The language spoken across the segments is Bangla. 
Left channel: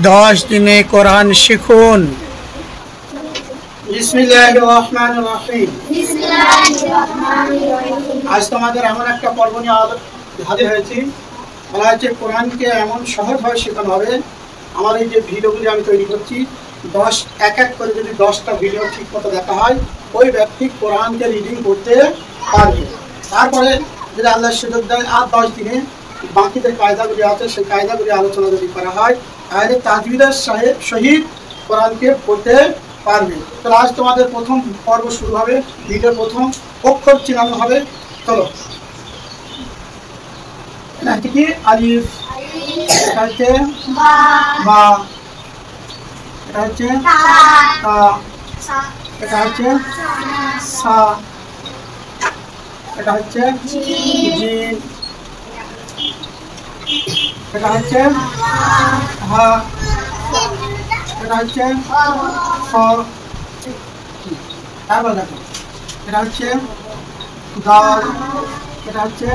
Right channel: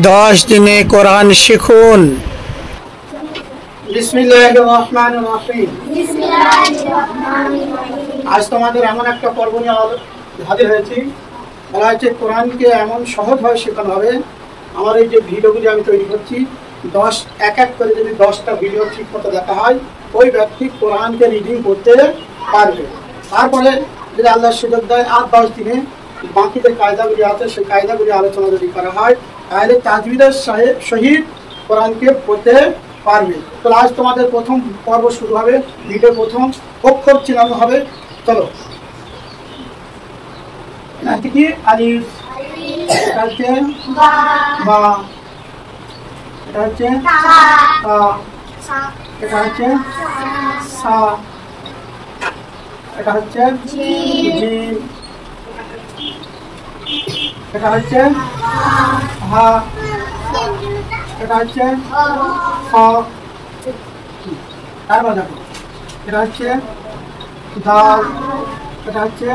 10 দিনে কোরআন শিখুন। বিসমিল্লাহির রহমানির রহিম। আজ তোমাদের এমন একটা পর্ব নিয়ে হাজির হয়েছি, বলা হচ্ছে কোরআনকে এমন সহজভাবে শেখানো হবে। আমার এই যে ভিডিওগুলি আমি তৈরি করছি, এক এক করে যদি 10টা ভিডিও ঠিক মতো দেখা হয়, ওই ব্যক্তি কোরআনকে রিডিং করতে পারবে। তারপরে যদি আল্লাহ সুযোগ দেয় আর 10 দিনে বাকি যে কায়দাগুলি আছে সেই কায়দাগুলি আলোচনা যদি করা হয়, তাহলে তাজবিদের সহিত কোরআনকে পড়তে পারবে। তাহলে আজ তোমাদের প্রথম পর্ব শুরু হবে। ভিডিওর প্রথম অক্ষর চিনানো হবে। চলো, এটা কি আলিফ, এটা হচ্ছে বা, এটা হচ্ছে তা, এটা হচ্ছে সা, এটা হচ্ছে জিম, এটা হচ্ছে হা, এটা হচ্ছে খ। তারপর দেখো, এটা হচ্ছে দাল, এটা হচ্ছে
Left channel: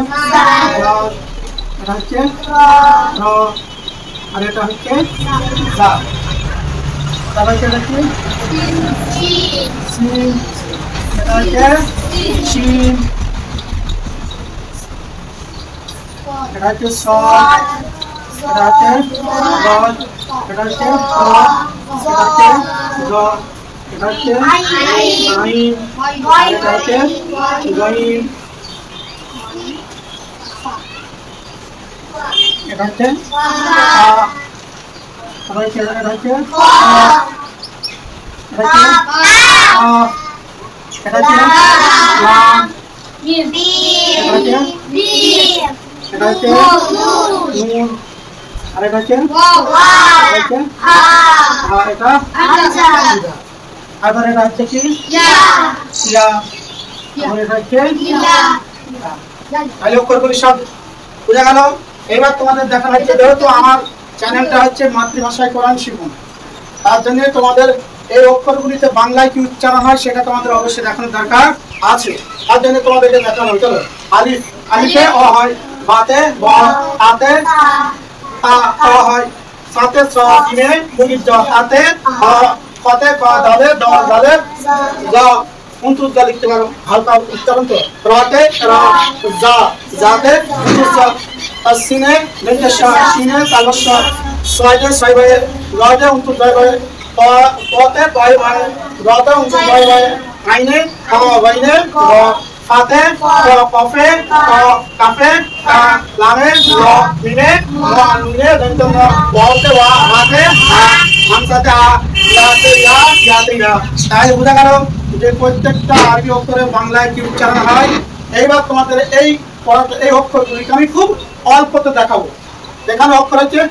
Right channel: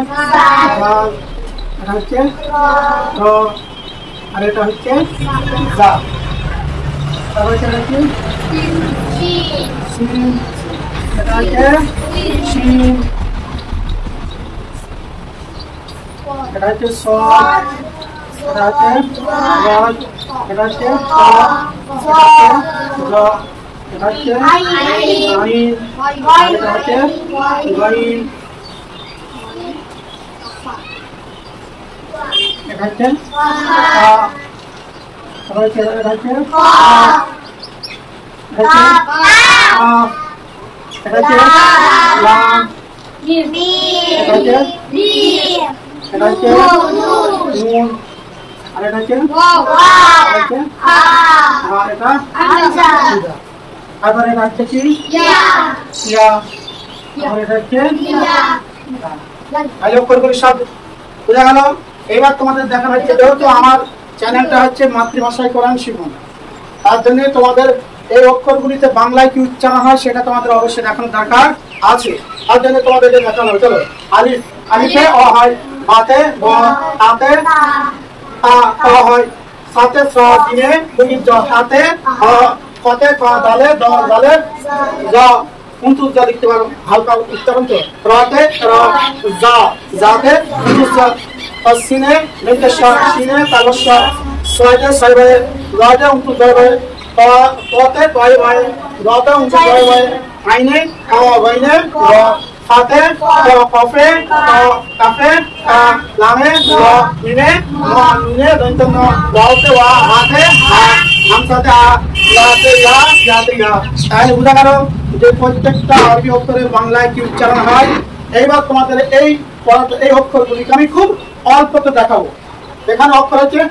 দাল, এটা হচ্ছে র, আর এটা হচ্ছে জা। তারপর এটা কি সিন, এটা হচ্ছে শিন, এটা হচ্ছে সদ, এটা হচ্ছে রদ, এটা হচ্ছে ত, এটা হচ্ছে জ, এটা হচ্ছে আইন, এটা হচ্ছে গইন, এটা হচ্ছে তা, এটা হচ্ছে কা, এটা হচ্ছে কাফ, এটা হচ্ছে লাম, এটা হচ্ছে এটা হচ্ছে নুন, আর এটা হচ্ছে এটা। আবার এটা হচ্ছে কি ইয়া, আর এটা হচ্ছে অক্ষরগুলি সব বোঝা গেল। এবার তোমাদের দেখা হচ্ছে, যেহেতু আমার চ্যানেলটা হচ্ছে মাতৃভাষায় কোরআন শিখুন, তার জন্য তোমাদের এই অক্ষরগুলিতে বাংলায় কি উচ্চারণ হয় সেটা তোমাদের অবশ্যই দেখানোর দরকার আছে। তার জন্য তোমাদেরকে দেখানো হয়। চলো, আলিফ, আলিফে অ হয়, বাতে ব, তাতে তা হয়, সাথে স, জিমে মুনির জ, তাতে হ, ফতে ক, দালে দ, জালে জ, উনতুস যা লিখতে পারো, হালকা উচ্চারণ তো। রতে র, জা, জাতে উনতুস, তাসিনে নির্দেশা, সিনে তালস্য, সয়তে সয়বে, রতে উনতুস জয়বে, পতে কয় ভয়, রতে উনতুস জয়বে, আইনে খ, বাইনে র, ফাতে কফে কাফে লামে ল, মিনে ম, নুনে দন্তন্য, ওয়াতে ওয়া, হাতে হা, হামসাতে আ, ইয়াতে ইয়া, ইয়াতে ইয়া। তাহলে বোঝা গেল যে প্রত্যেকটা আরবি অক্ষরের বাংলায় কি উচ্চারণ হয়। এইবার তোমাদের এই অক্ষরগুলিকে আমি খুব অল্পতে দেখাবো। এখানে অক্ষর হচ্ছে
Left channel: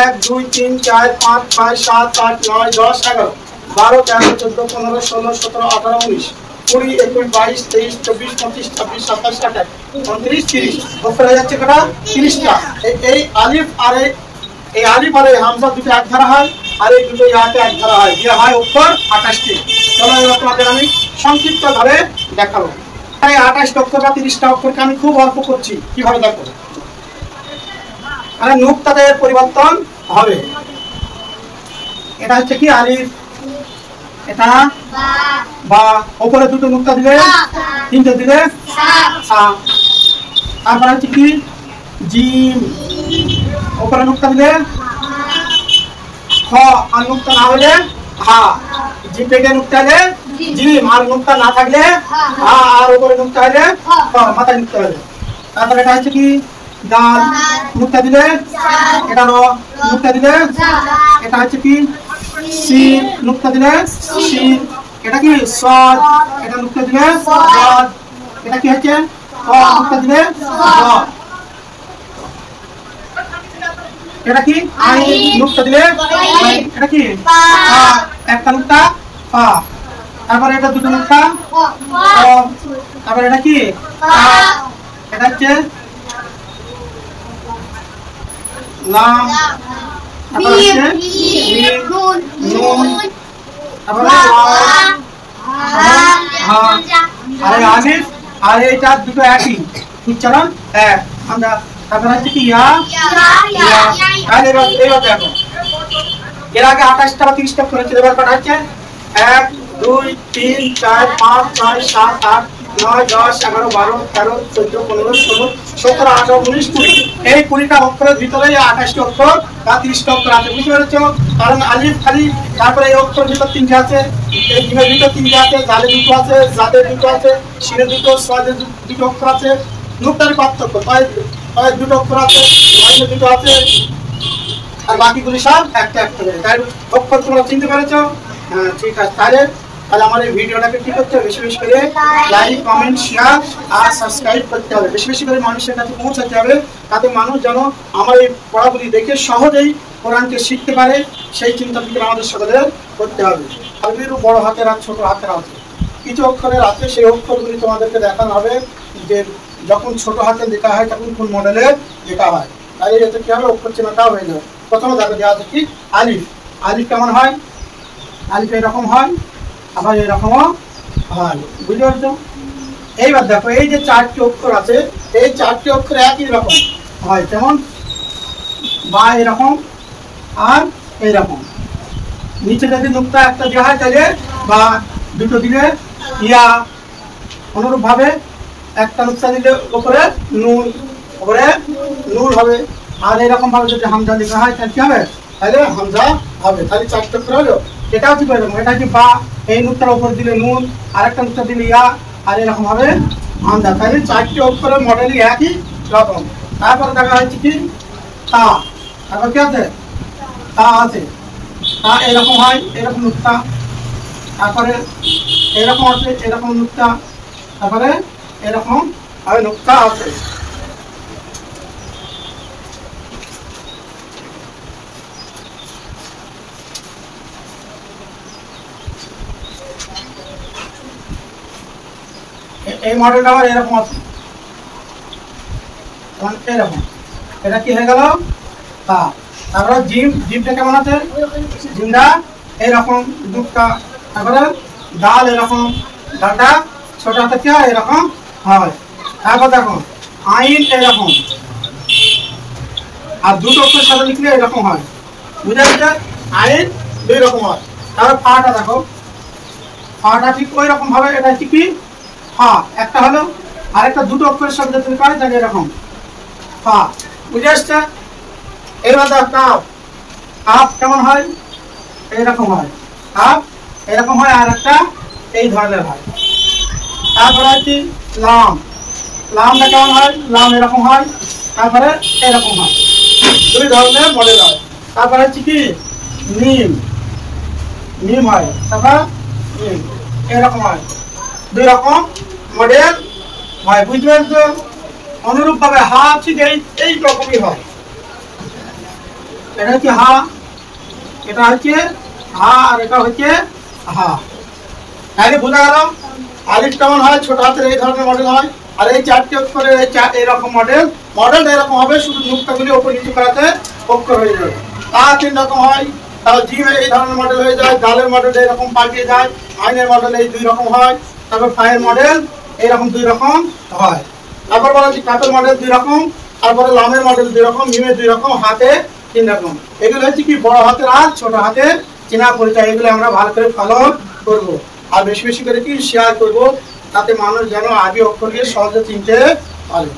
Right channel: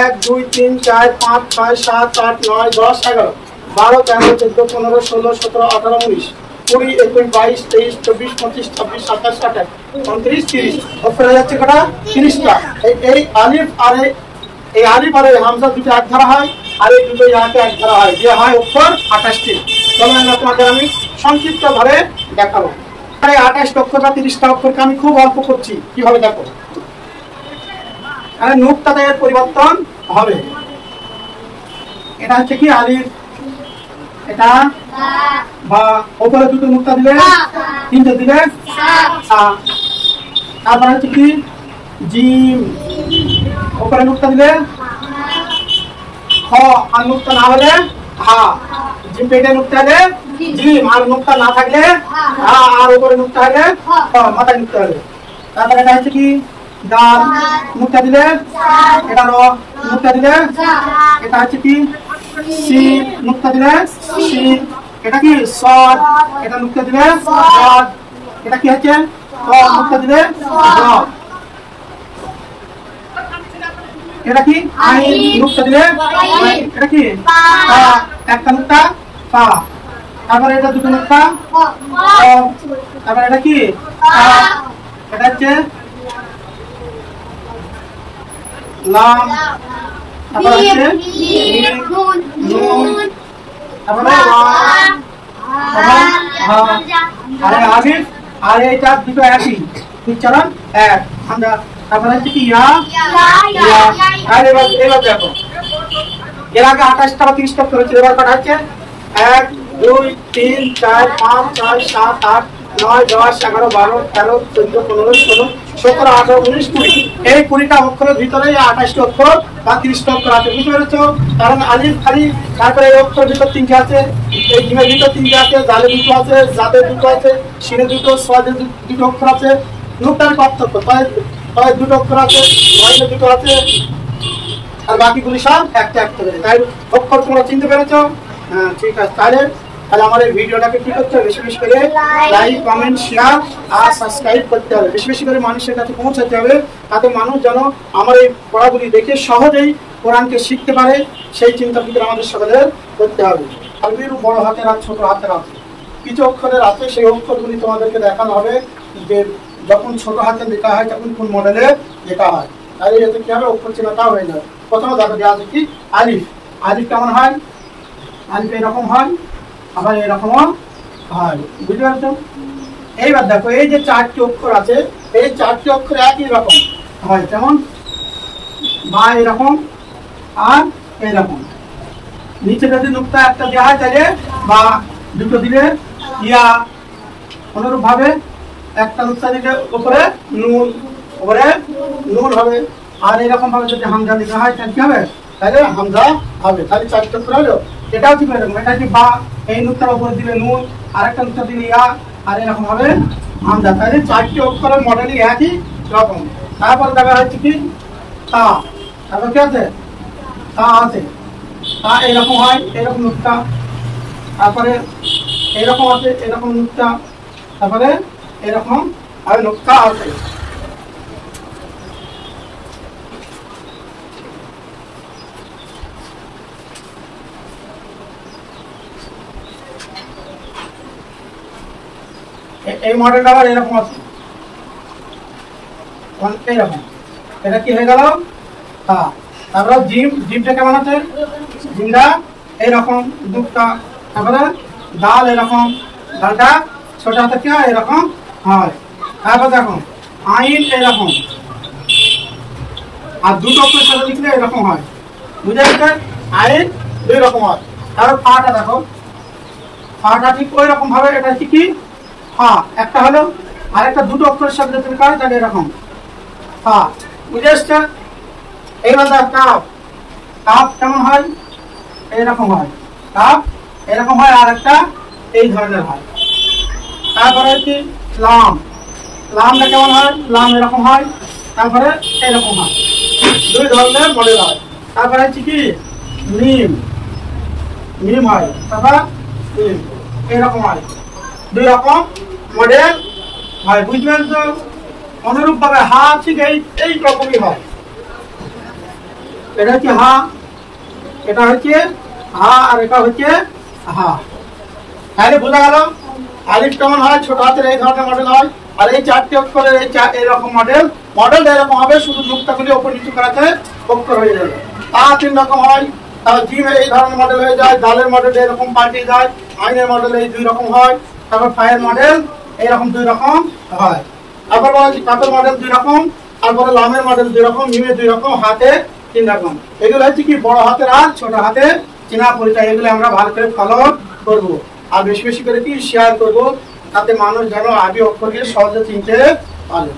1 2 3 4 5 6 7 8 9 10 11 12 13 14 15 16 17 18 19 20 21 22 23 24 25 26 27 28 29 30 অক্ষর হয়ে যাচ্ছে কটা? 30টা। এই আলিফ আর এই আলিফ আর এই হামজা দুটো এক ধারা হয়, আর এই দুটো ইয়াতে এক ধারা হয়, যে হয় অক্ষর 28টি। চলো এবার তোমাদের আমি সংক্ষিপ্ত ভাবে দেখাবো। এই 28 অক্ষরটা 30টা অক্ষরকে আমি খুব অল্প করছি। কিভাবে দেখো, আর নুক্তাদের পরিবর্তন হবে। এটা হচ্ছে কি আলিফ, এটা বা, উপরে দুটো নুক্তা দিলে, তিনটে দিলে সা। তারপর হচ্ছে কি জিম, উপরে নুক্তা দিলে খ, আর নুক্তা না হলে হা। জিম পেটে নুক্তা হলে জিম, আর নুক্তা না থাকলে হা, আর উপরে নুক্তা হলে খ, মাথায় নুক্তা হলে। তারপর এটা হচ্ছে কি দাল, নুক্তা দিলে এটা র, নুক্তা দিলে এটা হচ্ছে কি সি, নুক্তা দিলে সি। এটা কি সদ, এটা নুক্তা দিলে সদ। এটা কি হচ্ছে ক, নুক্তা দিলে জ। এটা কি আইন, নুক্তা দিলে আইন। এটা কি পা, একটা নুক্তা পা। তারপরে এটা দুটো নুক্তা ক। তারপরে এটা কি এটা হচ্ছে লাম, তারপর হচ্ছে নুন, তারপরে আরে আলিফ আর এইটা দুটো একই উচ্চারণ এক। আমরা তারপর হচ্ছে কি ইয়া ইয়া। আর এবার দেখো এর আগে 28টা বা 30টা অক্ষর হচ্ছে, এবার কটা হচ্ছে 1 2 3 4 5 6 7 8 9 10 11 12 13 14 15 16 17 18 19 20 এই 20টা অক্ষরের ভিতরে 28টি অক্ষর বা 30টা অক্ষর আছে, বুঝতে পেরেছো? কারণ আলিফ খালি, তারপরে এই অক্ষরের ভিতর 3টে আছে, এই জিমের ভিতর 3টে আছে, জালে 2টো আছে, জাতে 2টো আছে, শিরে 2টো, সোয়াদে 2টো অক্ষর আছে, নুক্তার পার্থক্য পায়ে 2টো অক্ষর আছে, ওয়াইনে 2টো আছে, আর বাকিগুলি সব একটা একটা করে। তাই অক্ষর তোমরা চিনতে পেরেছো? হ্যাঁ, ঠিক আছে। তাহলে আমার এই ভিডিওটাকে কি করতে হবে? বেশি বেশি করে লাইক, কমেন্ট, শেয়ার আর সাবস্ক্রাইব করতে হবে, বেশি বেশি করে মানুষের কাছে পৌঁছাতে হবে, তাতে মানুষ যেন আমার এই পড়াগুলি দেখে সহজেই কোরআনকে শিখতে পারে, সেই চিন্তা ফিকির আমাদের সকলের করতে হবে। আরবিরও বড় হাতের আর ছোট হাতের আছে, কিছু অক্ষরের আছে, সেই অক্ষরগুলি তোমাদেরকে দেখানো হবে যে যখন ছোট হাতে লেখা হয় তখন কোন মডেলে লেখা হয়। তাহলে এতে কি হবে? অক্ষর চিহ্নটাও হয়ে যাবে। প্রথমে দেখো দেওয়া আছে কি আলিফ। আলিফ কেমন হয়? আলিফ এরকম হয়, আবার এরকমও হয়, বুঝতে পারছো? এইবার দেখো এই যে 4টি অক্ষর আছে, এই 4টি অক্ষর একই রকম হয়, যেমন বা এরকম আর এইরকম। নিচে যদি নুক্তা একটা দেওয়া হয় তাহলে বা 2টো দিলে ইয়া, অনুরূপ ভাবে একটা নুক্তা দিলে উপরে নুন, উপরে নুন হবে। আর এরকম ভাবে যদি হামজা লেখা হয় তাহলে কি হবে? তাহলে হামজা হবে। তাহলে 4টি অক্ষর হলো। এটাও ঠিক এরকম, এটা কি বা, এই নুক্তার উপরে দিলে নুন, আর একটা নুক্তা দিলে ইয়া, আর এরকম হবে হামজা। তাহলে 4টি অক্ষরের মডেলই একই রকম। তারপর দেখা হচ্ছে কি তা, তারপর কি আছে? তা আছে, তা এরকম হয়, এরকম নুক্তা, তারপরে এরকম আছে, এরকম নুক্তা, তারপরে এরকম আর নুক্তা আছে। এই মডেলটা আবার এরকম আছে, এরকম। এটা কি হয়ে গেল? তা। তারপরে জিম, জিমটা কেমন আছে? জিমটা এইরকম দুটা। তারপরে ডাল এরকম, ডালটা ছোট হাতে কি হয়? এরকম হয়। তারপর দেখো আইন এরকম, আর 2টো অক্ষরের সাথে লিখলে এরকম হয়, বুঝতে পারছো? আইন 2 রকম হয়। তারপর ফাটা দেখো, ফাটা ঠিক ওই রকম ভাবে। এটা হচ্ছে কি ফা, একটা হলো, আরেকটা 2টো অক্ষরের সাথে যদি লিখা হয় তাহলে এরকম ফা, বুঝে আসছে? এইবার দেখো কাপ। কাপ কেমন হয়? এইরকম হয়, কাপ এরকম হয়, আর একটা এই ধরনের হয়। তারপরে হচ্ছে লাম। লামটা কেমন হয়? লাম এরকম হয়, তারপরে এরকম হয়, 2 ধরনের মডেল হয়। তারপরে হচ্ছে কি মিম। মিম হয়, তারপর মিম এরকম হয়, 2 রকম মডেল হয়, বুঝতে পারছো? অনুরূপ ভাবে হা ঠিক এই রকমই হয়। এটা হচ্ছে হা, এটা হচ্ছে হা, আর এটা হচ্ছে হা। তাহলে বোঝা গেল আলিফ কেমন হয়? ছোট হাতের এই ধরনের মডেল হয়। আর এই 4টি অক্ষরের এইরকম মডেল, মডেলটা এরকম হবে, শুধু নুক্তাগুলি উপর নিচু করাতে অক্ষর হয়ে যাবে। তা 3 রকম হয়। তাহলে জিম এই ধরনের মডেল হয়ে যায়, দালের মডেল এরকম পাল্টে যায়, আইনের মডেল এই 2 রকম হয়, তারপর ফায়ের মডেল এইরকম 2 রকম হয়। তারপর বলা হচ্ছে কাপের মডেল 2 রকম, তারপরে লামের মডেল 2 রকম, মিমের 2 রকম, হাতে 3 রকম। এগুলো হচ্ছে কি বড় হাতের আর ছোট হাতের চেনা পরিচয়। এগুলো আমরা ভালো করে ফলো করবো, আর বেশি বেশি করে কি শেয়ার করবো, তাতে মানুষ যেন আরবি অক্ষরকে সহজে চিনতে পারে।